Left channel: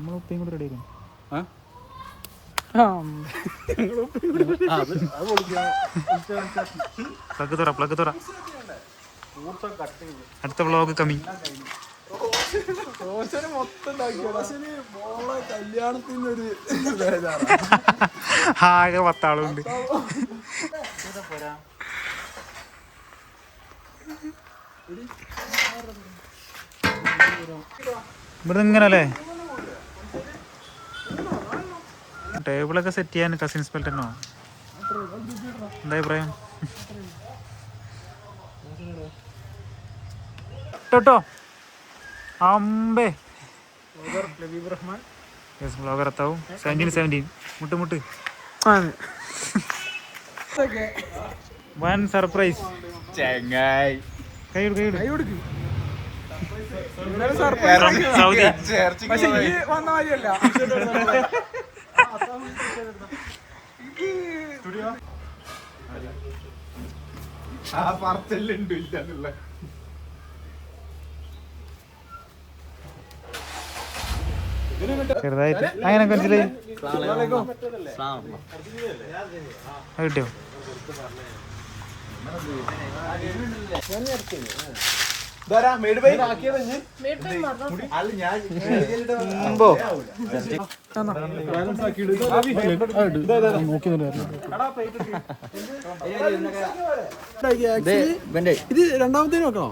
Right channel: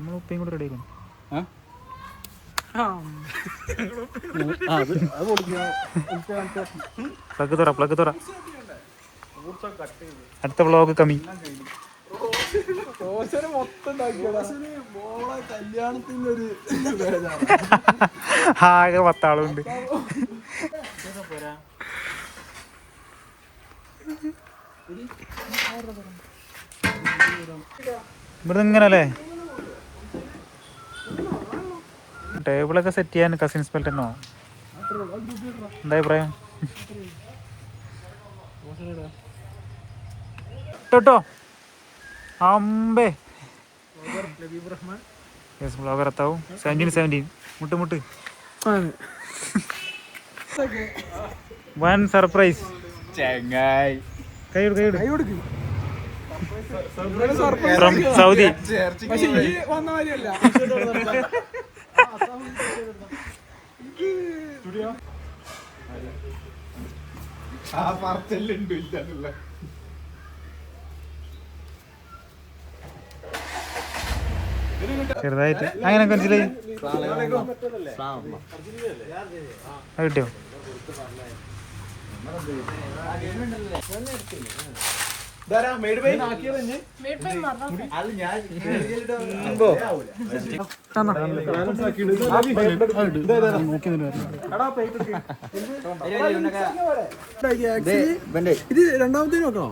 നമ്മൾ ഉപ്പയും കൂടെ റെഡി ആക്കണം. പ്ലഗ് തുറ. അടുത്ത വ്ളോഗ് കമ്മിങ്. ആകെ 10 ആളുണ്ട്. ഇവിടെ ഇങ്ങനല്ലേ ടേബിളൊക്കെ സെറ്റ് ചെയ്യാൻ കസിൻസ് ബെൽറ്റന്നോ? എന്താ അഭിപ്രായം? കേട്ടോ അമ്പേ ബ്ലോഗർ എത്താവും. 17 മുട്ട് വൺ സർപ്രൈസ്. കൈയ്യോട് ഫ്രം സൗദി. ചെറുതായിട്ട് അങ്ങനെ മനസ്സിലായി. കിട്ടിയോ? ഇത് രണ്ടാമത്തെ നോക്കണോ?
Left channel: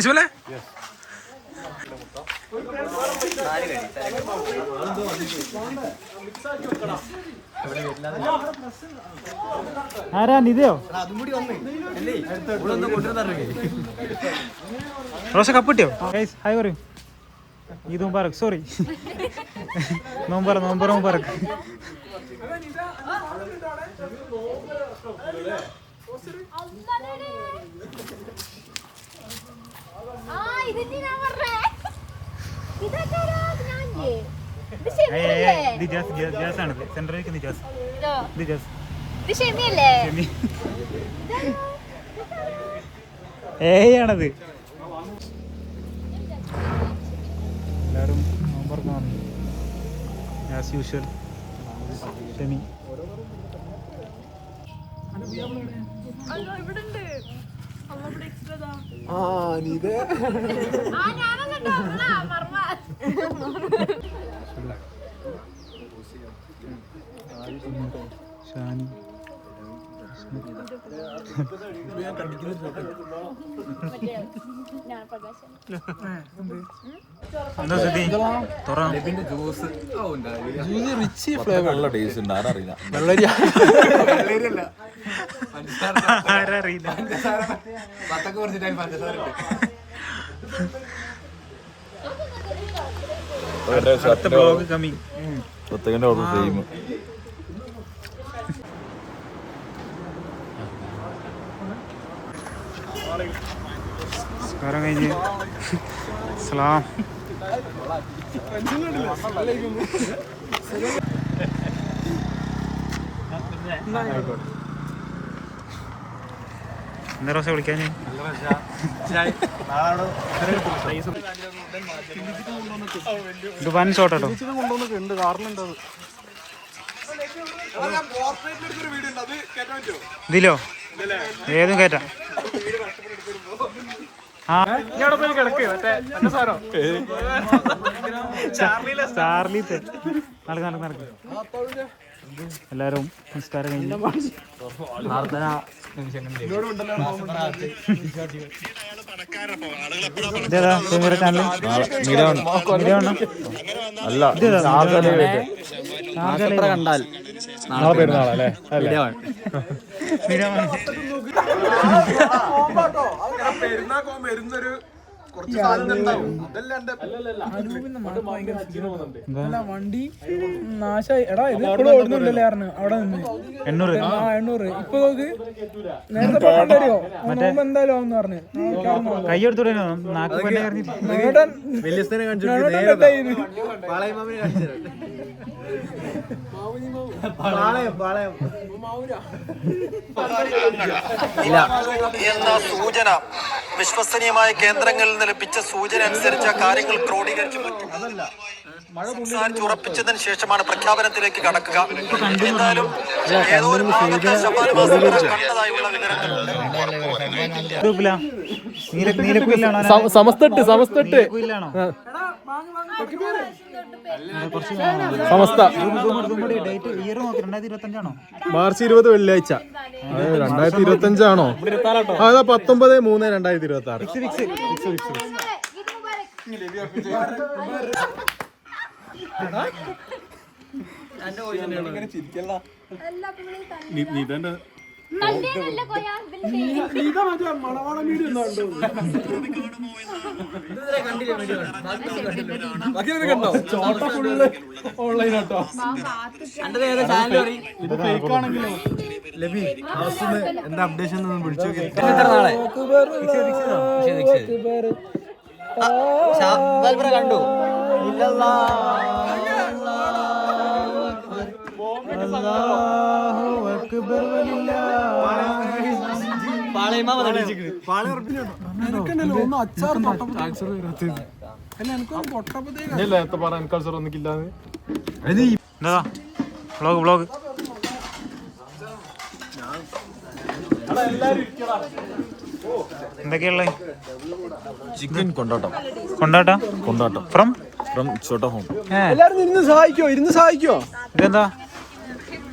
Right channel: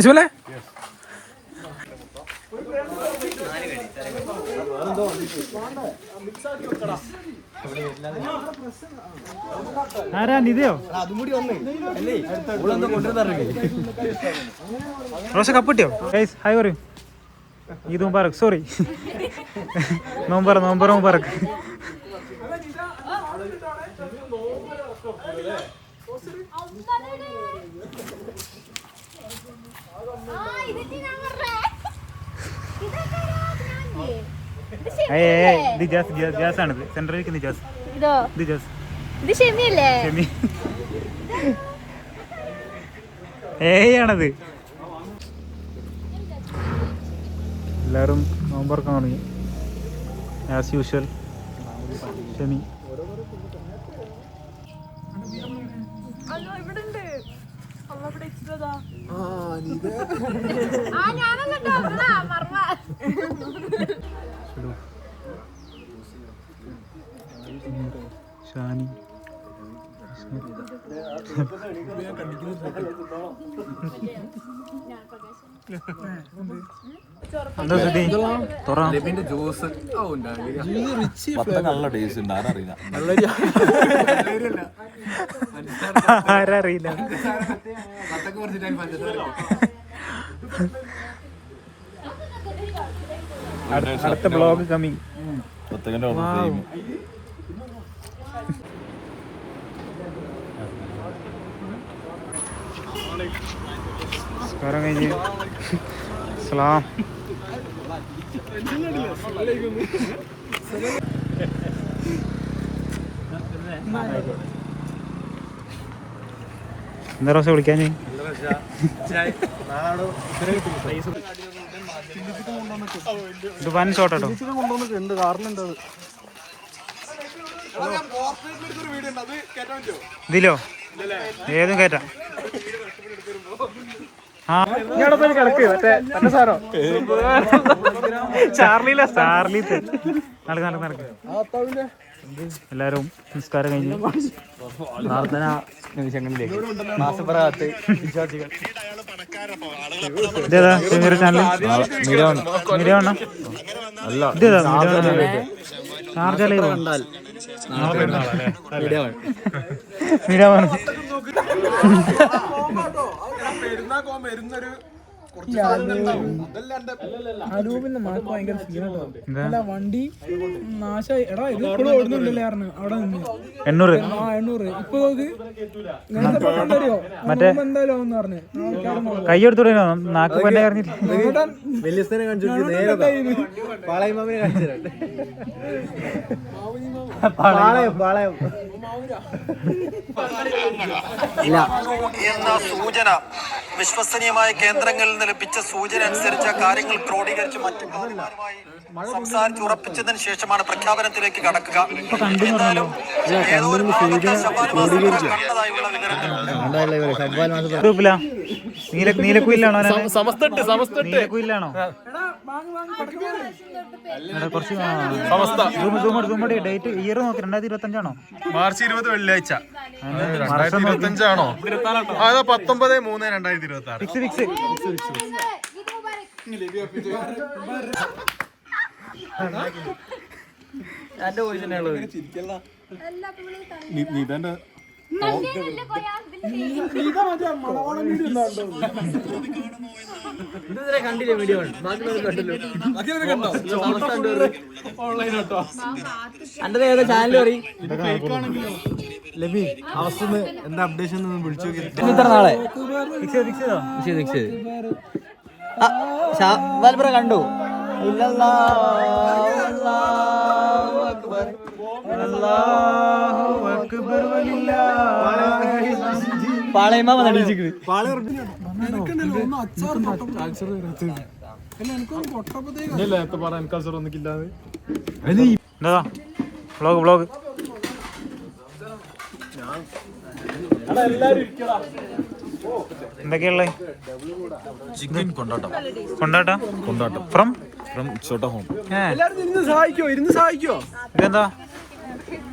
ഇസ്മലേ ആരാ നിതയോ? റോഷ കപ്പ് കിട്ടിയോ? ഹായ് പറയൂ. ഈദ് മുബാറക്. സോറി, നോമ്പറക്ക്. ജാസാണിത്. സെൻട്രലിലേക്ക് നിജാസ്. ആണത്. എല്ലാവരും നോമ്പറക്കാൻ തുടങ്ങി ആസ് യൂഷ്വൽ. ഷെമി ഷാനി എന്താ സ്ഥിതി? നല്ല ടേസ്റ്റ് ഉണ്ട്. ആരറിയില്ല. അടുത്ത ബ്ലോഗ് കമ്മിങ്. നമസ്കാരം കഴിഞ്ഞ് സലാം. എന്താ റോസ വിളിക്കാൻ? ഇത് വൻ ഷോട്ടോ. ഇതിലോ ഏതും കയറ്റാം. ചാർലിത്തെ നടക്ക്. എല്ലാരും നമസ്കാരം കഴിഞ്ഞു. ഇതേതാ ചാനൽ? വണ്ടി നാശായി. എടാ ഇത് ഇപ്പോഴും ഓടുന്നില്ലല്ലേ അവിടെ നിന്ന് 800. ഇപ്പൊ നേരത്തെ എന്തായാലും പറഞ്ഞു. കൈയെടുത്തോടെ നാക്ക് പന്നെ എന്ന സൂചന വിശ്വസനീയമായ കേന്ദ്രങ്ങളിൽ നിന്ന് ലഭിച്ച സൂചന അനുസരിച്ച് കാര്യങ്ങൾ ക്രോഡീകരിച്ച് സംസാരിച്ച് ഉറപ്പിച്ചതിന് ശേഷമാണ് പ്രഖ്യാപനത്തിലേക്ക് കടക്കുക. എന്തായാലും ഏതോ ഒരു ഭാഗത്ത് ശബാന മാസ്റ്റർ കണ്ടതായുള്ള വിവരങ്ങളുണ്ട്. ഗ്രൂപ്പിലാ നീലക്കുയിലാണോ? നീലക്കുയിലാണോ? കുറച്ച് ഡേറ്റ് ഇയർ നോക്കി 2025 മാർച്ച് 20 വെള്ളിയാഴ്ച 2025 അതാ 19/3/2026. ഫിക്സ് എന്താ അപ്ഡേഷൻ വിളിച്ചു കണ്ടു. വ്ളോഗ് എന്തൊക്കെയുള്ള ചിക്കൻ കൊണ്ടാട്ടം ഫ്രം ചോട്ട ഹോം. സഹായിക്കോ ഇതെന്താ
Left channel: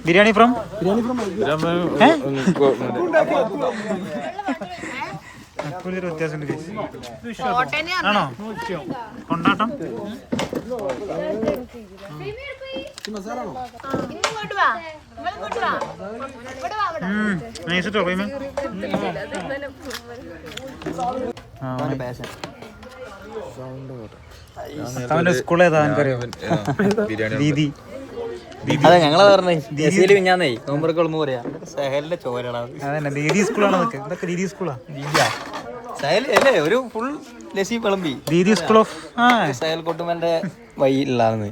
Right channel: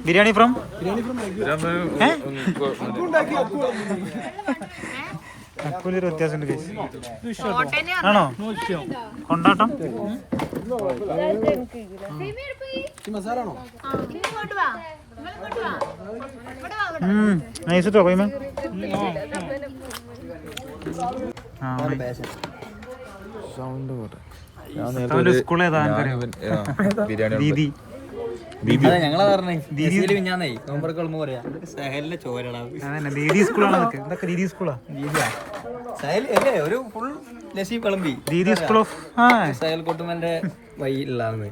ബിരിയാണി ഫ്രം അക്കൂലൊരു വ്യത്യാസമുണ്ട് ആണോ? കൊണ്ടാട്ടം നൈസിട്ടോ കൊയ്മ. അവന്റെ സ്കൂൾ ഏതാ എനിക്കറിയാം? ദീദി ഞങ്ങള് പറഞ്ഞേ അതന്നെ ദീദി സ്കൂളാണ്. അതൊക്കെ ഇതൊക്കെ ദീദി സ്കൂളാ. ഒരു ഫുൾ ലസി വിളമ്പി ദീദി സ്കൂൾ ഓഫ് സഹൽ കുട്ടുമന്റെ വഴിയിലാണ്.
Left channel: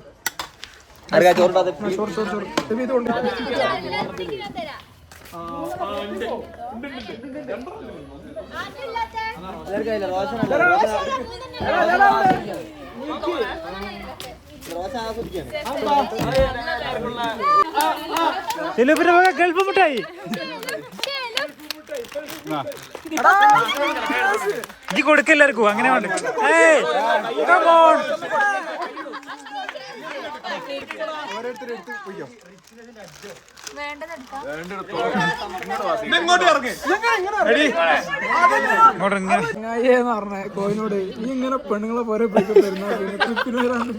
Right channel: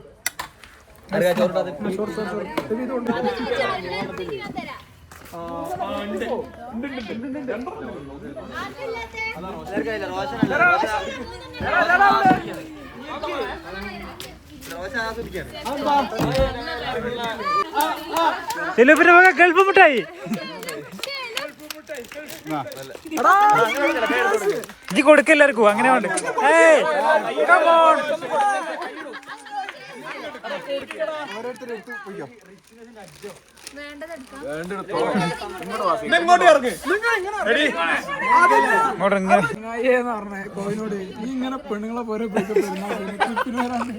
ഗൾഫ് മുട്ടായി ഇജ്ജ് കൊടുക്കെല്ലാവർക്കും അങ്ങനെ വേണ്ട. കോയിനോട് ഈ ഇങ്ങനെ പെണ്ണുങ്ങളെ പോലെ ട്രിപ്പിന് വരാണ്ട്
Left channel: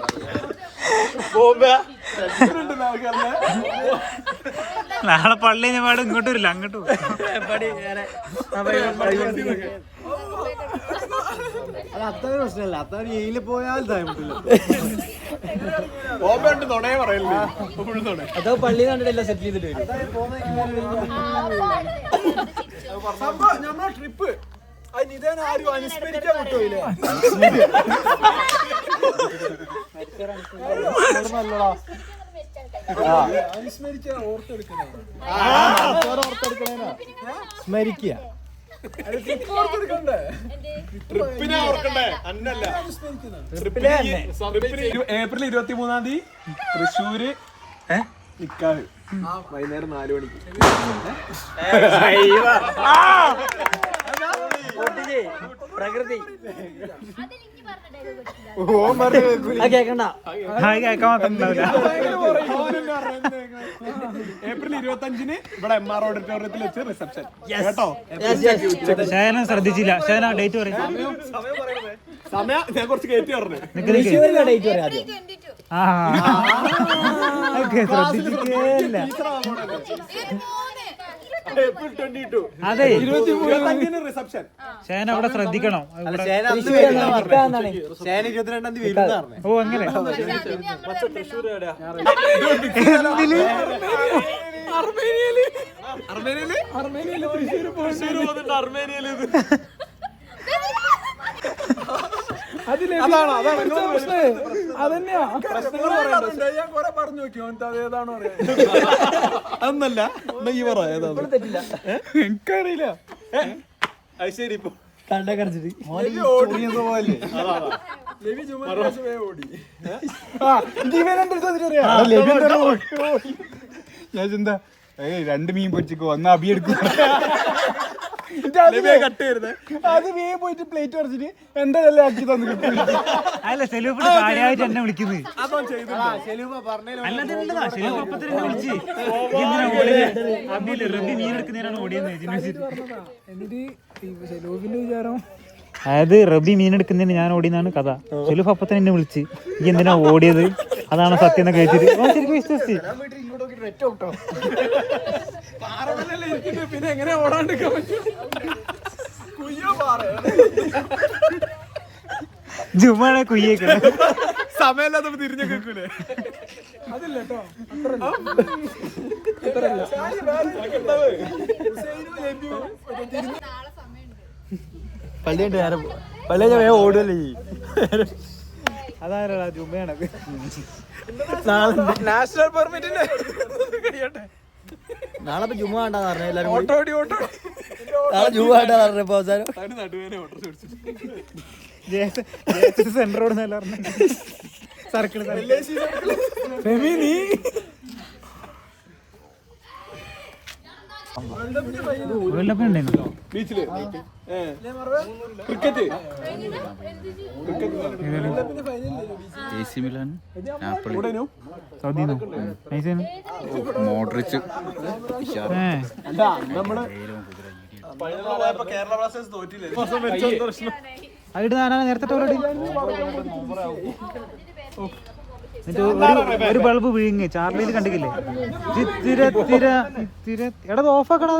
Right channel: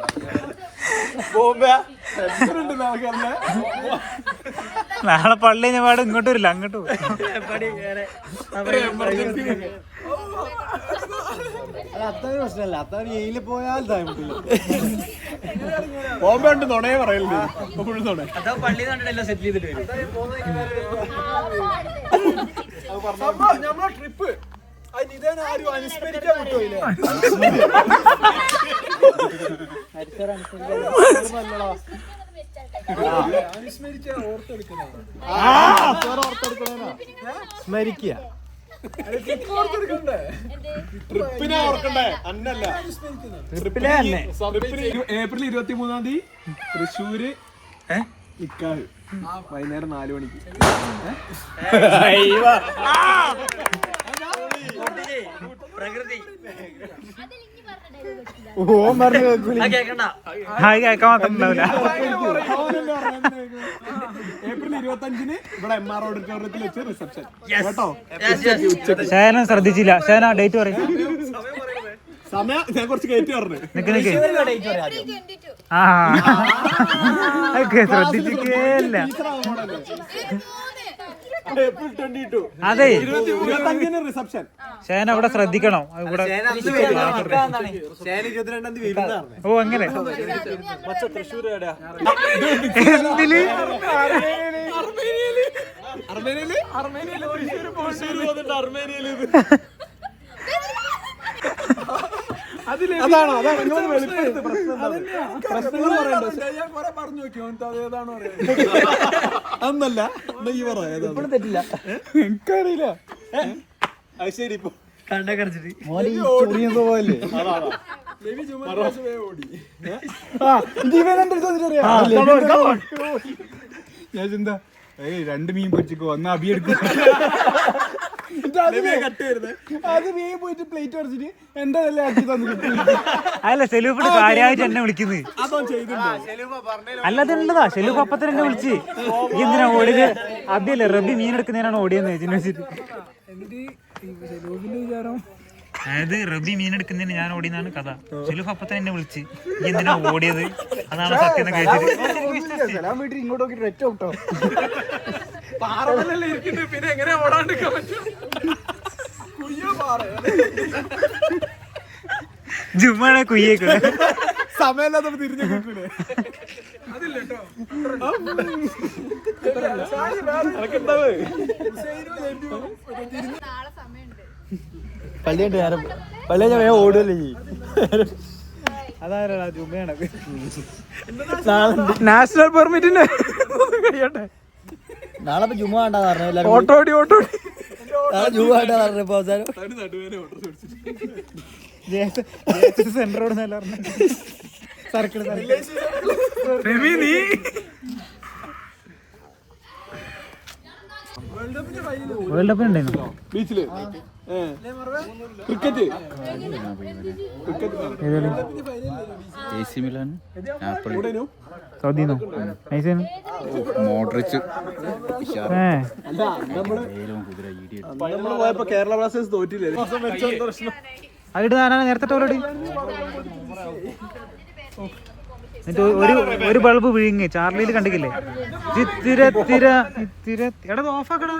നാളെ പള്ളി ഞാൻ പാട് ഇങ്ങോട്ട് വരില്ല, അങ്ങോട്ട് അത്ര പ്രശ്നമല്ല. അത്ര ജയിലിൽ പോയാൽ പള്ളി കണ്ടിട്ടെല്ലാം സെറ്റ് ചെയ്തിട്ട് വരും. നമ്മളെ ട്രിപ്പ് ആരും അനുസ്മരിക്കാൻ വിട്ടോയില്ലേ? അനുസ്മരിച്ച ഓർത്തെടുക്കണ സ്മരിക്കുക. ഏപ്രിൽ 23 തൃശ്ശൂര് നിക്കാഹ് വൈകുന്നേരം 4 മണിക്ക്. പ്രകൃതി കേൾക്കാൻ മാത്രം ഉണ്ടാവില്ല. ഏപ്രിൽ 25 ഇവിടെ MR ഓഡിറ്റോറിയത്തിൽ വെച്ച് റിസപ്ഷൻ കേട്ടോ. ഷേന ശ്രദ്ധിച്ചില്ല. ഷേന ഡേറ്റ് പറയും. സമയം ഞാൻ കുറച്ച് കയറ്റി പറഞ്ഞു. ശ്രദ്ധിച്ചില്ല. അതെ റിസപ്ഷൻ ഷേന അവിടെ ശ്രദ്ധിക്കണം. ഇവിടെ ഓ അങ്ങനെ അത് അതാണോ അതന്നെയാ ഞാൻ കൊറേ പറഞ്ഞു നോക്കി അതേതാണോ അതൊന്നല്ല ഈ പറ ഏതാണ് തെറ്റില്ല എനിക്കറിയില്ല അത് ശരി ഇപ്പൊ കണ്ടേ കടിച്ചിട്ട് ഞാൻ ചിന്ത രണ്ട് മീൻ പൊരിച്ചിക്കോ ഒന്ന് അബി എടുക്കും അത് മീൻ പോയിട്ട് പ്ലേറ്റ് പറിച്ചിട്ട് എന്റെ എല്ലാം ആക്കി തന്നു. അല്ല സെലൂഫ് കാര്യമായിട്ട് എന്നെ വിളിക്കുന്നത്. അല്ലാതുണ്ടതാ സെലൂഫ് അപ്പത്തിന് എന്നെ വിളിച്ച് എന്തിനാ ഓടിയത് അബിയല്ലേ റബി മീൻ എടുക്കുന്നതിനാണ് ഓടിയെന്ന് വെച്ചിട്ട് സെലൂഫിന്റെ വിചാരം അതായത് റബി മീൻ എടുക്കുന്നതിന് ഞാൻ ഓടിയെന്നാണ് കഥ. സെലൂഫ് അപ്പത്തിന് എന്നെ വിളിച്ച് ഈ എന്തിനാ ഓടിയത് അതാണ് സത്യം എന്ന് കഴിച്ചിട്ട് ശരിക്കും വിശ്വസിച്ച് പിന്നെ എങ്ങനെ ഓടാണ്ടിരിക്കാൻ ജുമാനെ കുയ്യേക്കൂടെ സമയമില്ലാത്ത തിരിഞ്ഞു കേൾക്കൂലേ അതില്ല പള്ളിയുണ്ട് ഞാൻ പള്ളിയെ വേഗം ഓടുമല്ലേ അതാരടാ ജുമയാണത്. നാഷണൽ പെർമിറ്റിന് കഴിയട്ടെ. നാളെ ഇപ്പൊ ജുമ വേണ്ടാന്ന് പറഞ്ഞു. ഓട്ടോടി നാളെ ജുമ വേണ്ടാന്ന് പറഞ്ഞപ്പോ അവസാനം സെന്ററോട് നല്ല സർക്കിൾ നീ വേൾഡ് കപ്പ് ഉണ്ടായിരുന്നു ബീച്ചില് ക്രിക്കറ്റ് സൗദിന്നോ നൈസേനു മോഡ്രിച്ച് പോയപ്പോ കേരള ബ്ലാസ്റ്റേഴ്സ് തോറ്റില്ലേ അതിട്ട് ഞാനാണ് നേരത്തെ ഓൾറെഡി എന്നിട്ട് ഒരു ബൾബ് വീങ്ങി ചാർലിയിൽ കണ്ടിക്കില്ലേ ചിത്തിര തിര എടാ ഓഫാക്കടാ.